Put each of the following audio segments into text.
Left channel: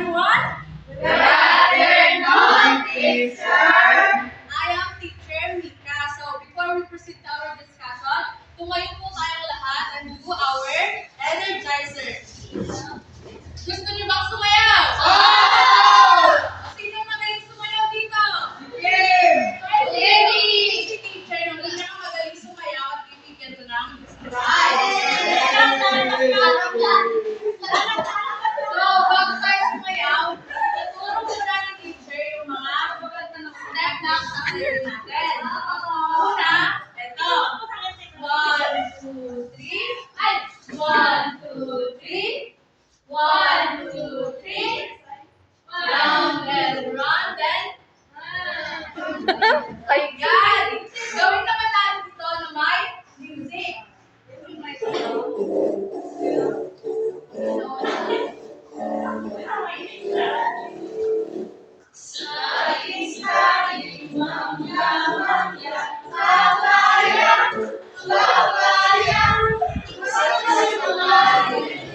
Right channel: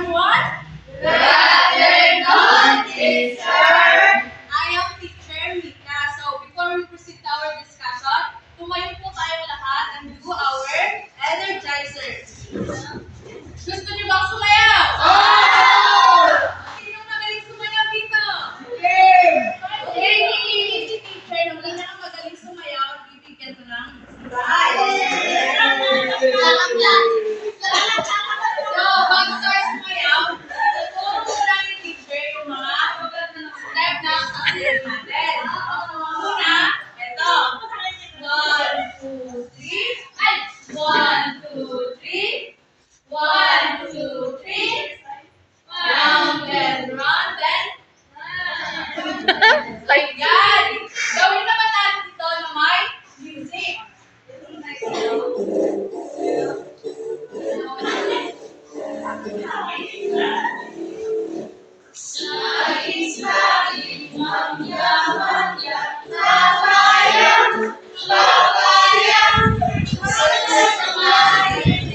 everyone. Good afternoon, teacher. I am teacher Mika. So before we proceed to our discussion, tumayo po tayong lahat and do our energizer. Gusto niyo bang sumayaw? Sino magaling sumayaw dito? Si teacher, nung magaling sumayaw at bibigyan ko ng prize. So, bago tayo sumayaw, tuturo muna ni teacher yung mga step na sasayaw natin. Una, ito. 1, 2, 3. Ay! 1, 2, 3. 1, 2, 3. Round and round and ayan. Gawin naman natin ito na may music. Sliding, sliding, manya, manya, layang, layang, sliding,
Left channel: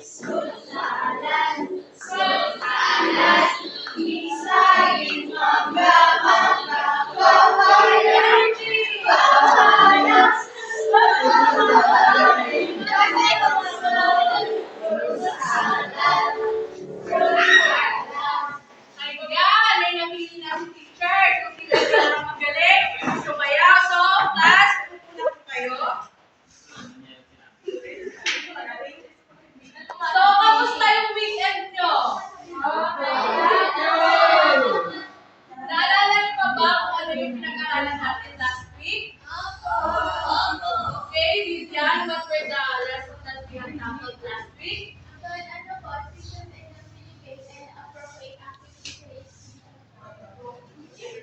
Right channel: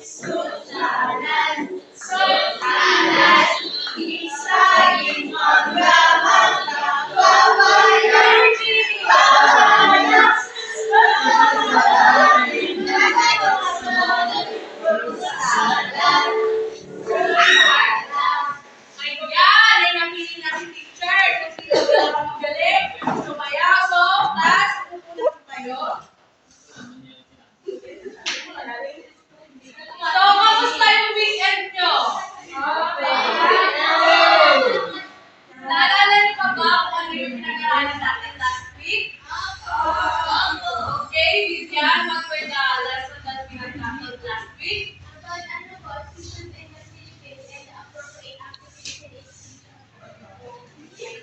sultanan, sultanan, sliding, manya, manya, layang, layang, ayan, ay napili na si teacher. Kung sino sila magaling, sumayaw. So, class, pupunta po kayo. So, kamusta yung weekend nyo? Naalala niyo pa ba kung ano yung pinag-aralan natin last week? Okay, Vivian, what were the lessons that we had tackled last week?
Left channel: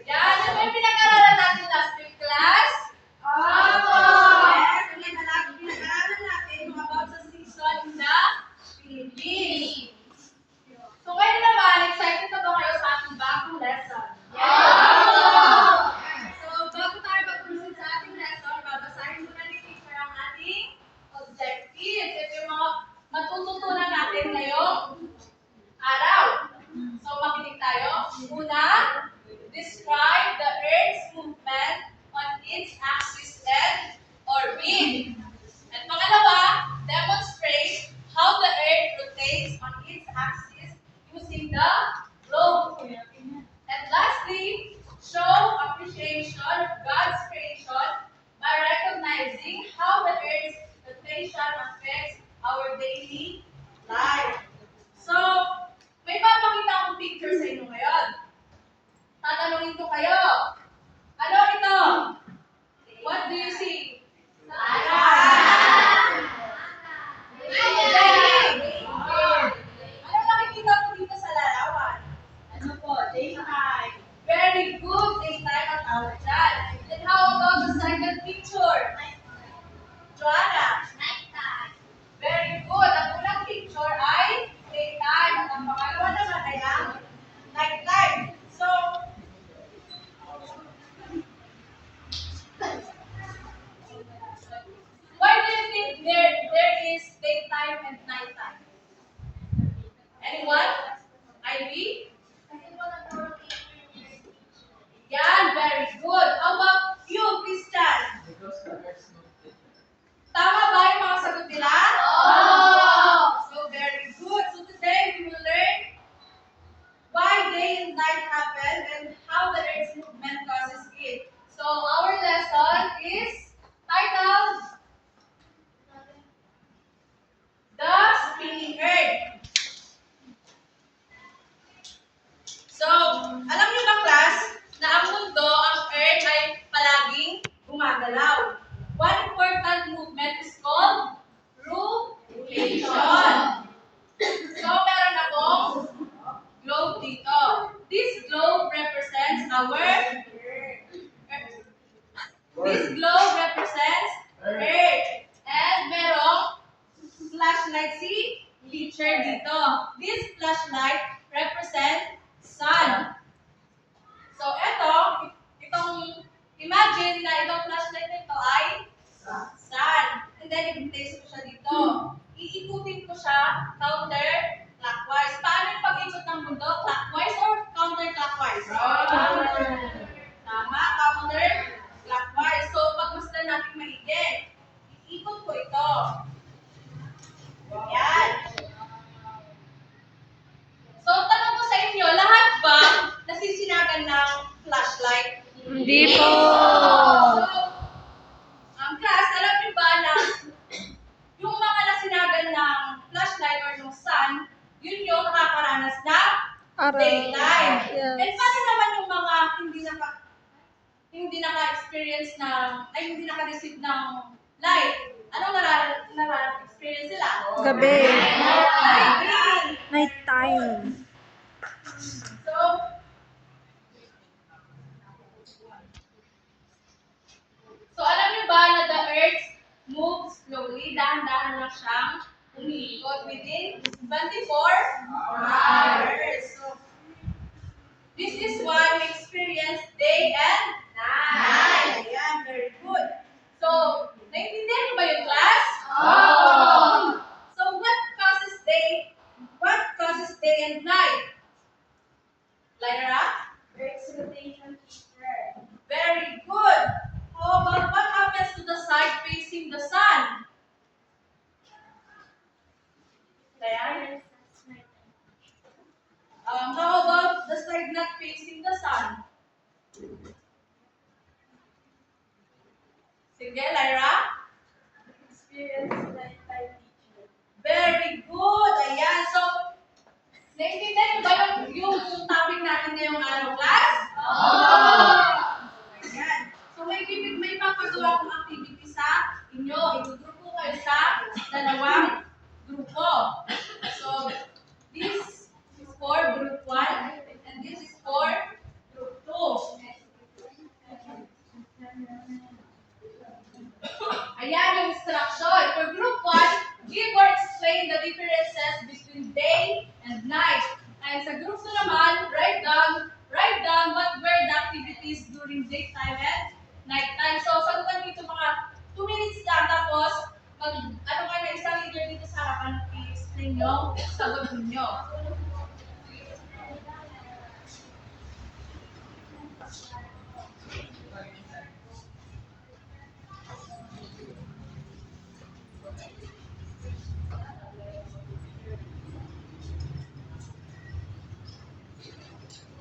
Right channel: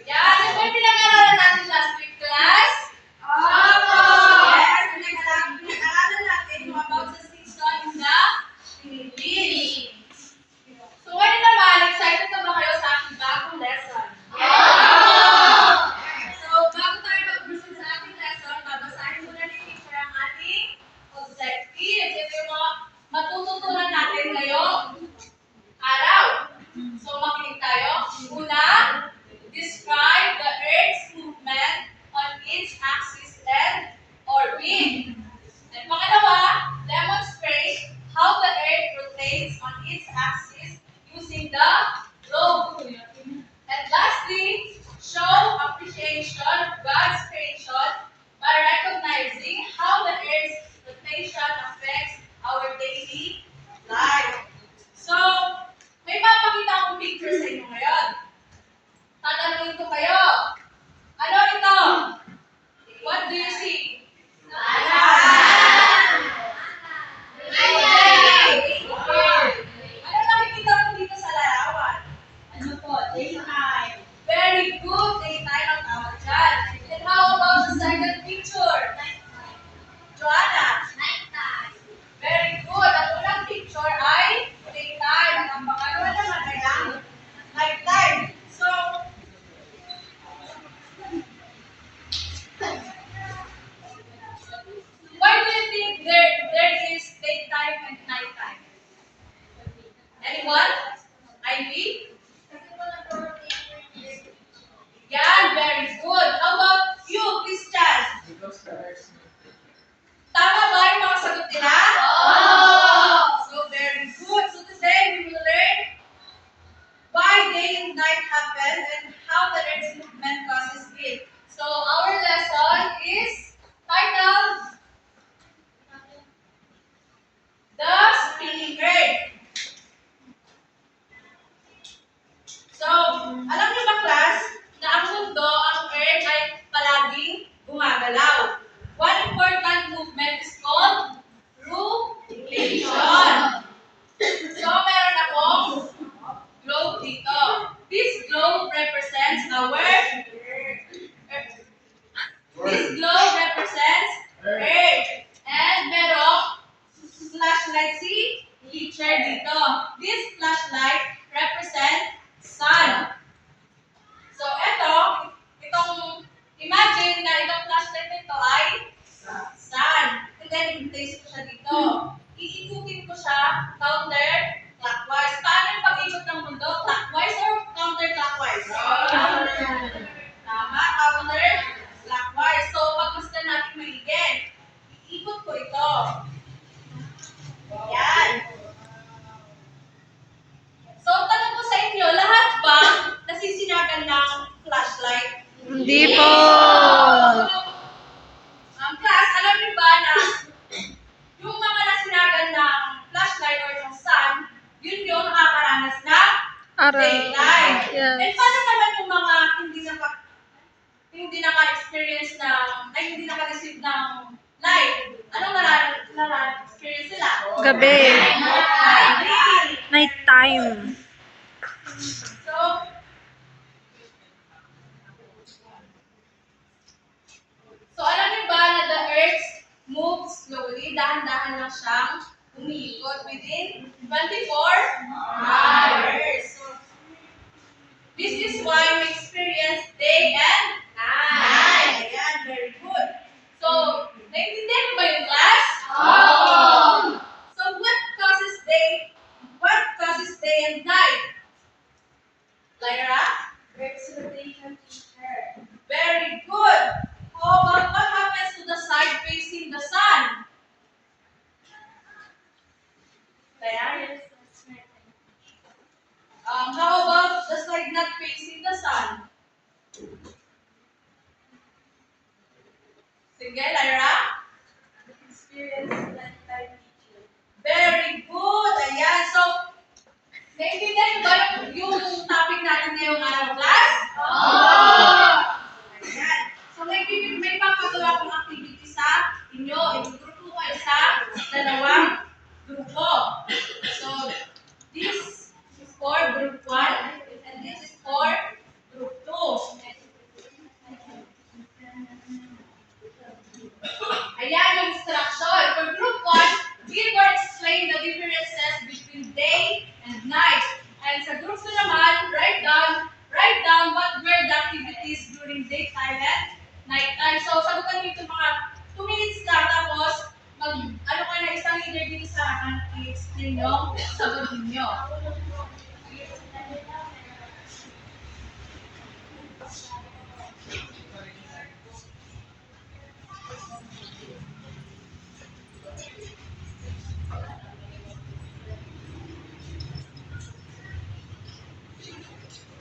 Yan, ano ba yung pinag-aralan natin last week, class? Yes, pinag-aralan natin yung about sa season in the Philippines. So, ngayon naman, excited na ba kayo sa ating bagong lesson? So, bago tayo mag-proceed sa ating lesson, babasahin muna ni teacher ang ating objectives. Ito yung mga matututunan natin ngayong araw. So, makinig tayo. Una, describe the Earth's movement on its axis and orbit. And pangalawa, demonstrate how the Earth rotates on its axis using the globe. And lastly, show appreciation of God's creation by recognizing how the Earth's rotation affects our daily life. So, may papakita akong picture sa inyo ngayon. Tatanungin ko kayo. Ano ito? What do you see? Okay. Ano nakikita mo dito sa larawan? Ano po? Daytime. Very good. Daytime ang tawag dyan. And how about the second picture? Joanna? Very good. Ang unang picture ay daytime. At ang pangalawa naman ay ang nighttime. So, why do you think there is daytime and nighttime? Anyone? Ivy? Yan, very good. How about you, Christian? Tama ba yung mga sagot nila? So, very good. So, today we will learn why day and night happen and how the Earth's movement causes it. So, our lesson is titled The Spinning Earth. So, alam niyo ba, class, na ang mundo, ang Earth ay palaging gumagalaw. One important movement is called rotation. So, meron akong globe dito. This globe represents Earth. And merong flashlight si teacher dito. This flashlight represents sun. So, imagine na itong flashlight nito ay sun. And then, i-place ko siya dito. Iikutin ko siya counter Hindi po. Class, alam niyo ba na yung mga nasinagan ng flashlight or ng sun, yun yung nakakaranas ng Araw. daylight. Yes. And paano naman yung mga hindi naka-experience ng, ay hindi naka-receive ng light? Anong nara-experience sila? Gabi. Gabi. Night time. So alam niyo ba na the Earth moves slowly, dahan-dahan lang siyang umiikot within 24 hours. So, this is why we experience day and night. Ayan, very good. So, naiintindihan mo ba yung class? So, what causes day and night? Lyra? Earth's rotation, teacher. Very good. How about what happens to the side facing the sun? Lyra? How about the side not facing the sun? Sige, Lyra? Experience nighttime, teacher. Very good. Ayan. So, naiintindihan niyo ba yung topic natin ngayong araw, class? Ayan. So, may papagawa kong activity sa inyo. I-grupo kayo sa dalawang grupo. So, this is for group 1 and this is for group 2. Ayan yung instruction. For group 1, give or explain the differences between day and night. And sa group 2 naman, write down what were the activities during daytime and nighttime. So, sagutan dito mga 2 minutes lang. Tapos, ano kayo na isang leader dito sa harapan, i-explain yung sagot ninyo.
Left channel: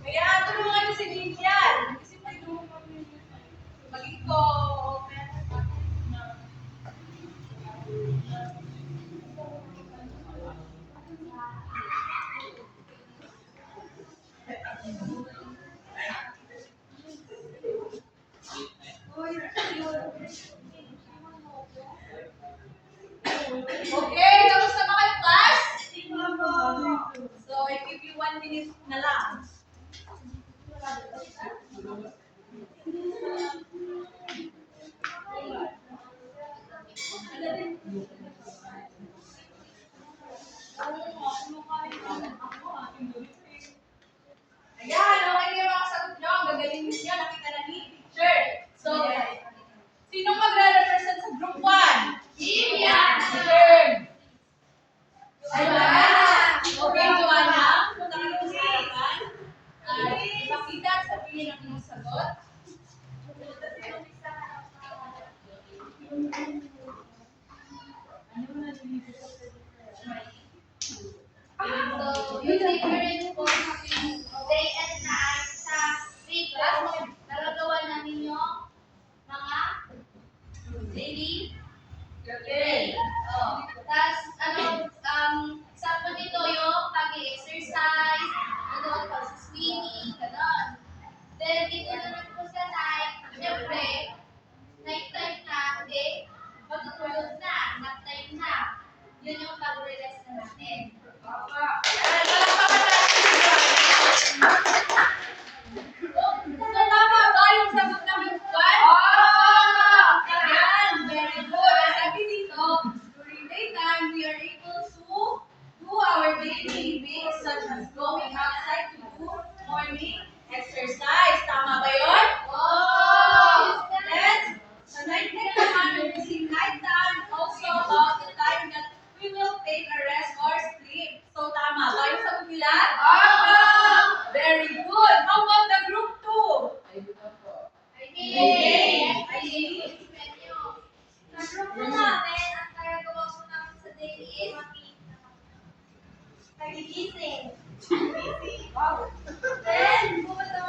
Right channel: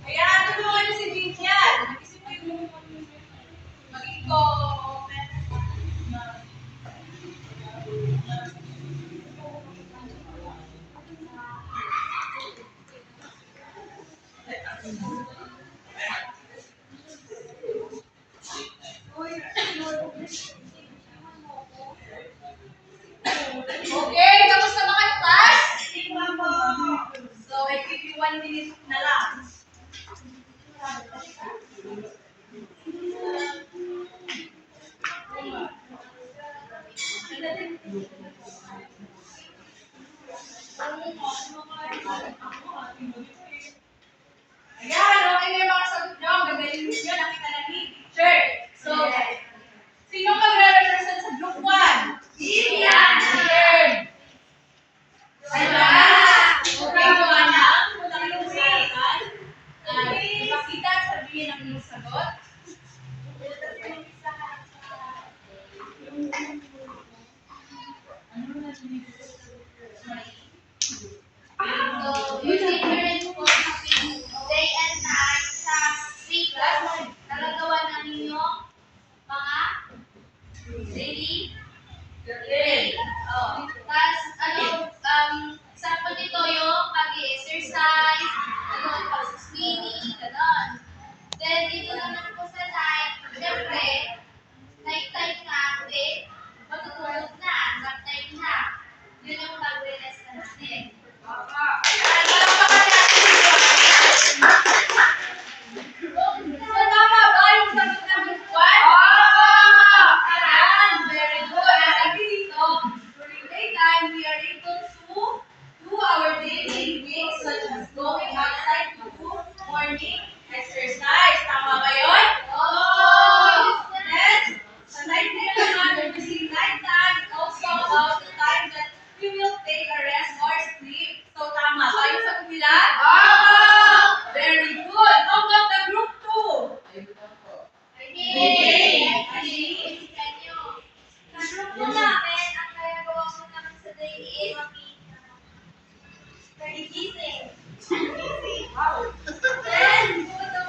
Ayan, tulungan niyo si Vivian. Mag-isip mo yung mag-iko. Okay, tapos na mga class? So, I give you 1 minute na lang. Ayan, okay na yung mga sagot nyo. Ang gagaling ninyo, nakita na ni teacher. So, sino magre-represent sa group 1? Vivian! Vivian! Okay, Joanna. Punta kayo sa harapan. Ipakita at sabihin ang inyong sagot. So, yung difference po between day and night sa week class, nagagawa na ninyo mga daily Tapos, example nito yung pag-exercise, pag-swimming, gano'n. Then, dito naman po sa night, syempre, night time na, hindi, matutulog na, nap time na. Yun yung pag-relax na natin. Ayan, palakpakan natin si Joanna. So, tama ba yung sagot ng group 1? Ayan, very good. Sabi dito, during daytime, we are able to do our daily living such as going outside to do morning exercise. Tama ba yun? Then, sa night naman, when we see night time, it's also about the time that we will take a rest or sleep. So, tama ba yung sagot nila? Very good. How about the group 2? Sa group po namin, ang ginagawa po namin sa day is nagigising. Wow. Then, pupunta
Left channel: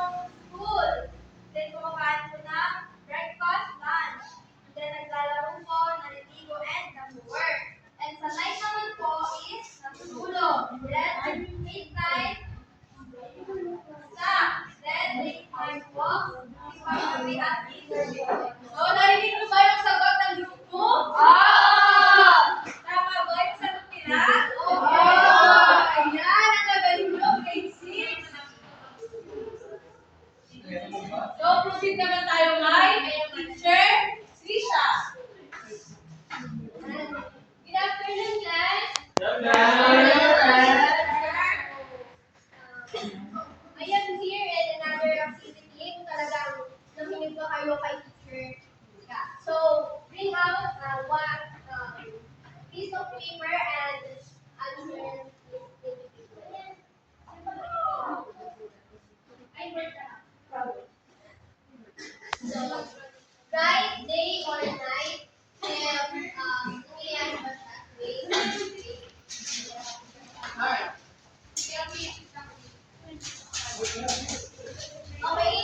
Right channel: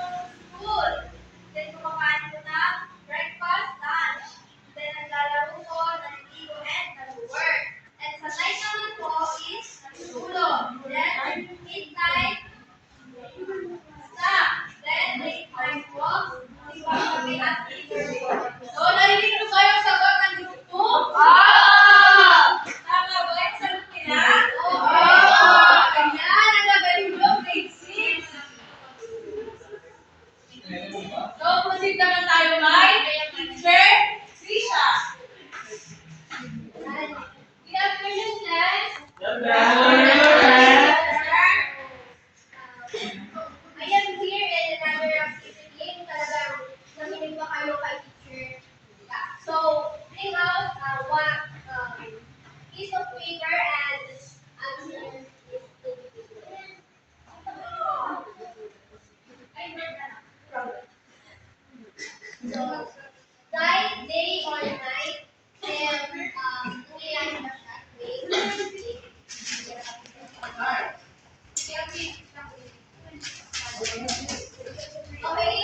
paper and answer this to the people. So, bright day or night, if umiyan ba siya? Wait. Okay?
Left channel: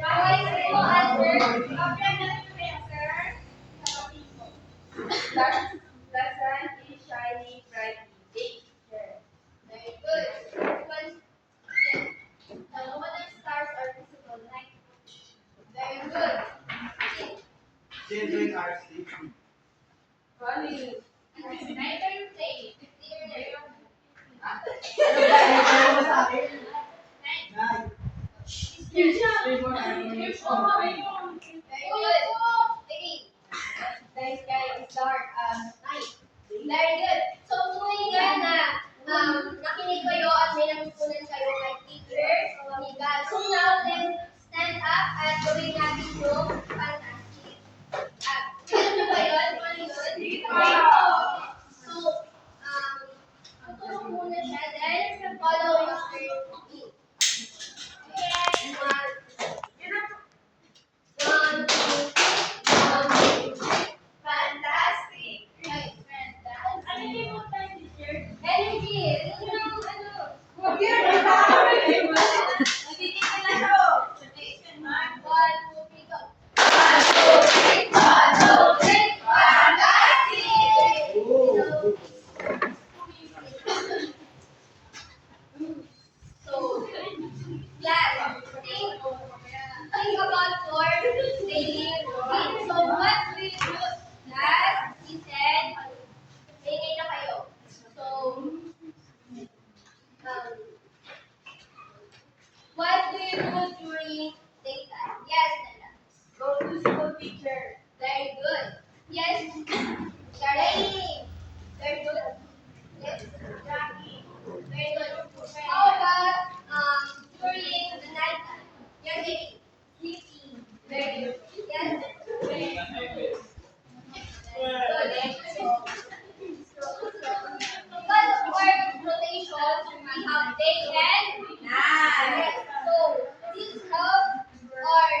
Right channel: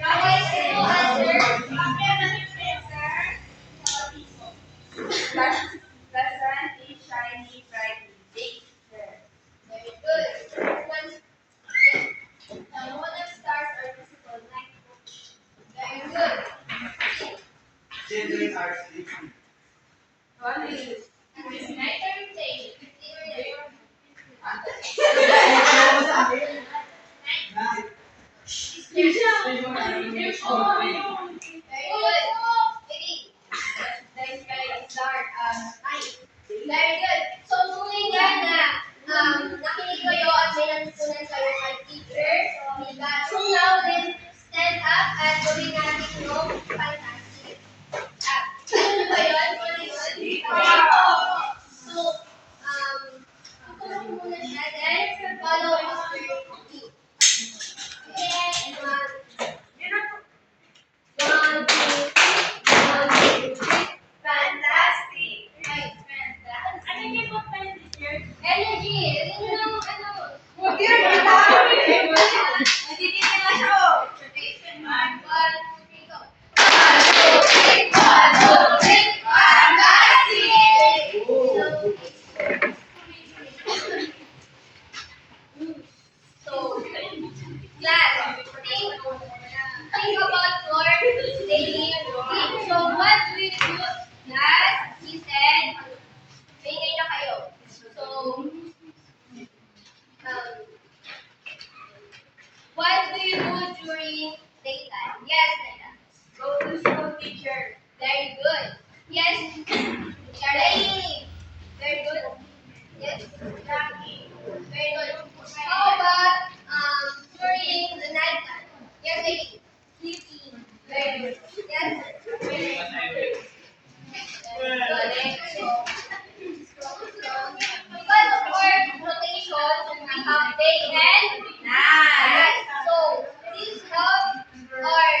Guys, ito answer. The sun is shining brightly. Big. Very good. One, yes. The moon and stars are visible. Night. Very good. Children are sleeping. Night or day? Night. Night. Very good. Lady. The sky is dark. Night. Very good. So, kung ngayon na nakinig kayo at may natutunan kayo kay teacher, so now let's stand up at gawin natin yung fantastic. Ano ba yun? Ano yun? So, tuturo ko muna siya, then follow Mr. Yuki. Okay, one, two, fantastic. Right, fantastic. Energy. Yun yung ano. One, two, three, go. So, class, think about your daily routine. So, what do you do? Class, he said, maingay na kayo. So, what do you do during daytime? Yes, Naila. Go to school, teacher. Very good. Yes, Charlie. Very good. Yes, Jackie. Very good. How about during the night time? Yes, Vicky. Sleeping. Very good. Yes. Very good. So, because of our rotation, we have day and night. So, this helps our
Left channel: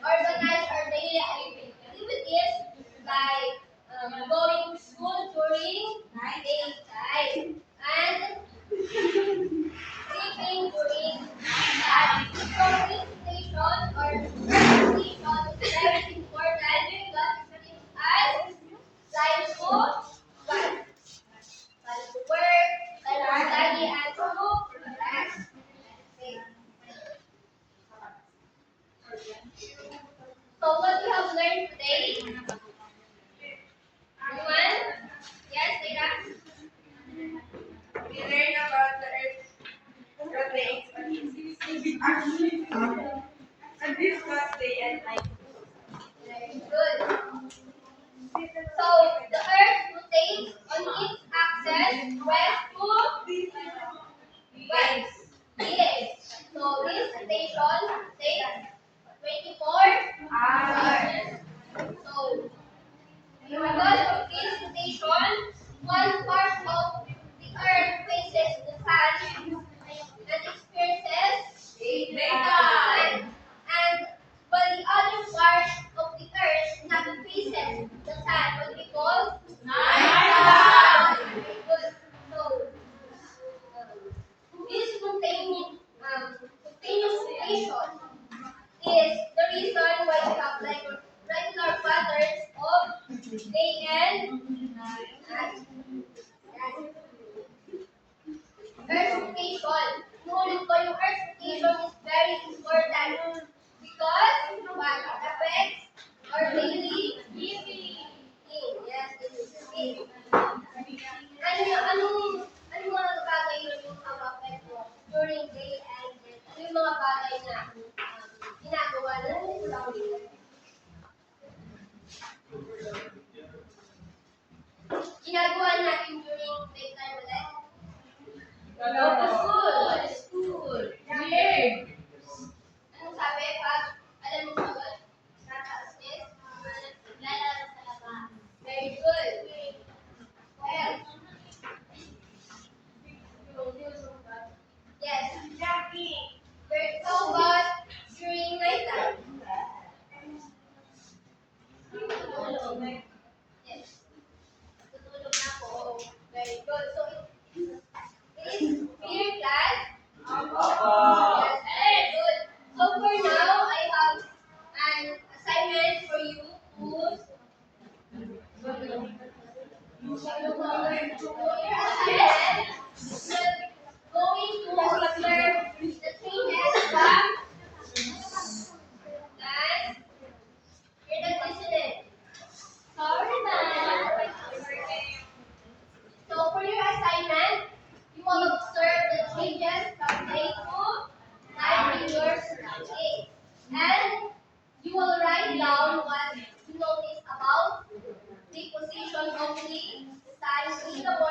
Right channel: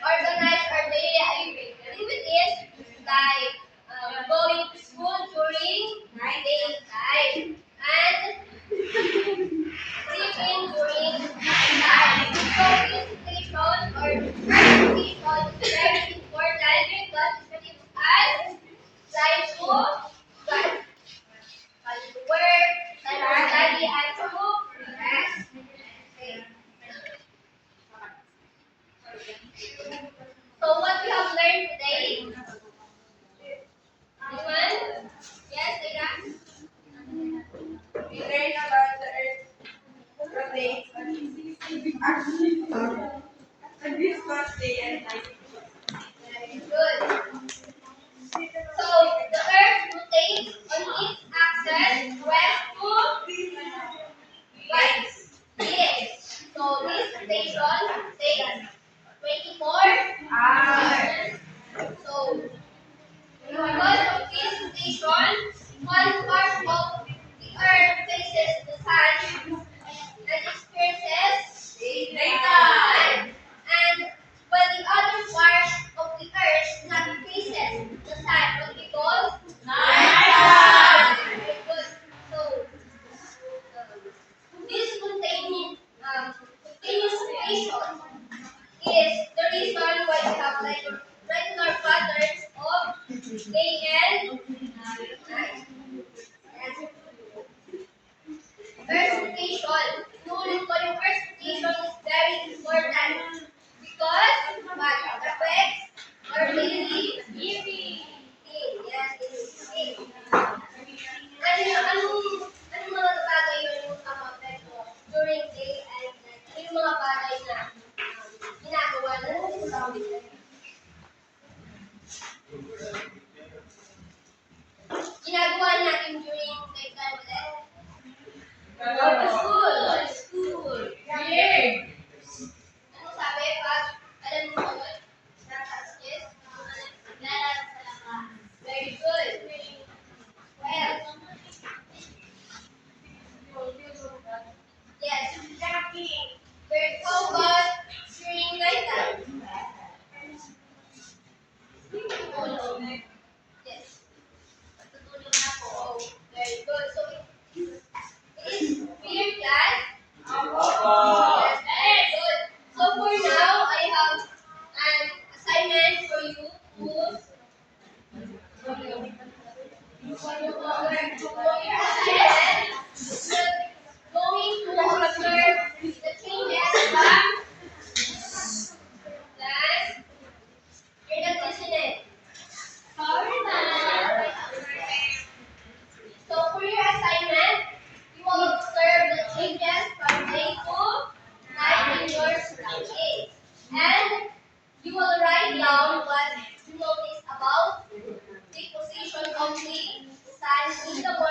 organize our daily activities like going to school during daytime and sleeping during nighttime. So this station or earth station is very important because it gives us time to what? Time to work, time to study, and to rest. Okay. So what we have learned today? Anyone? Yes, Leila? We learn about the earth rotates on its axis and discuss day and night. Very good. So the earth rotates on its axis west to right. Yes. So this station takes 24 hours. So because of this station, one part of the earth faces the sun and experiences daytime. And when the other part of the earth not faces the sun, what we call nighttime. Very good. So this continuous rotation is the reason why we have like regular patterns of day and night. Yes. Earth rotation. Inulit ko yung earth rotation is very important because what affects our daily living. Yes, daily living. Going to observe the changes from last electricity. Sorry, ma'am. So for your assignment, you will observe the changes from day to night in your surroundings. And you will write down what you notice about the position of the sun in the morning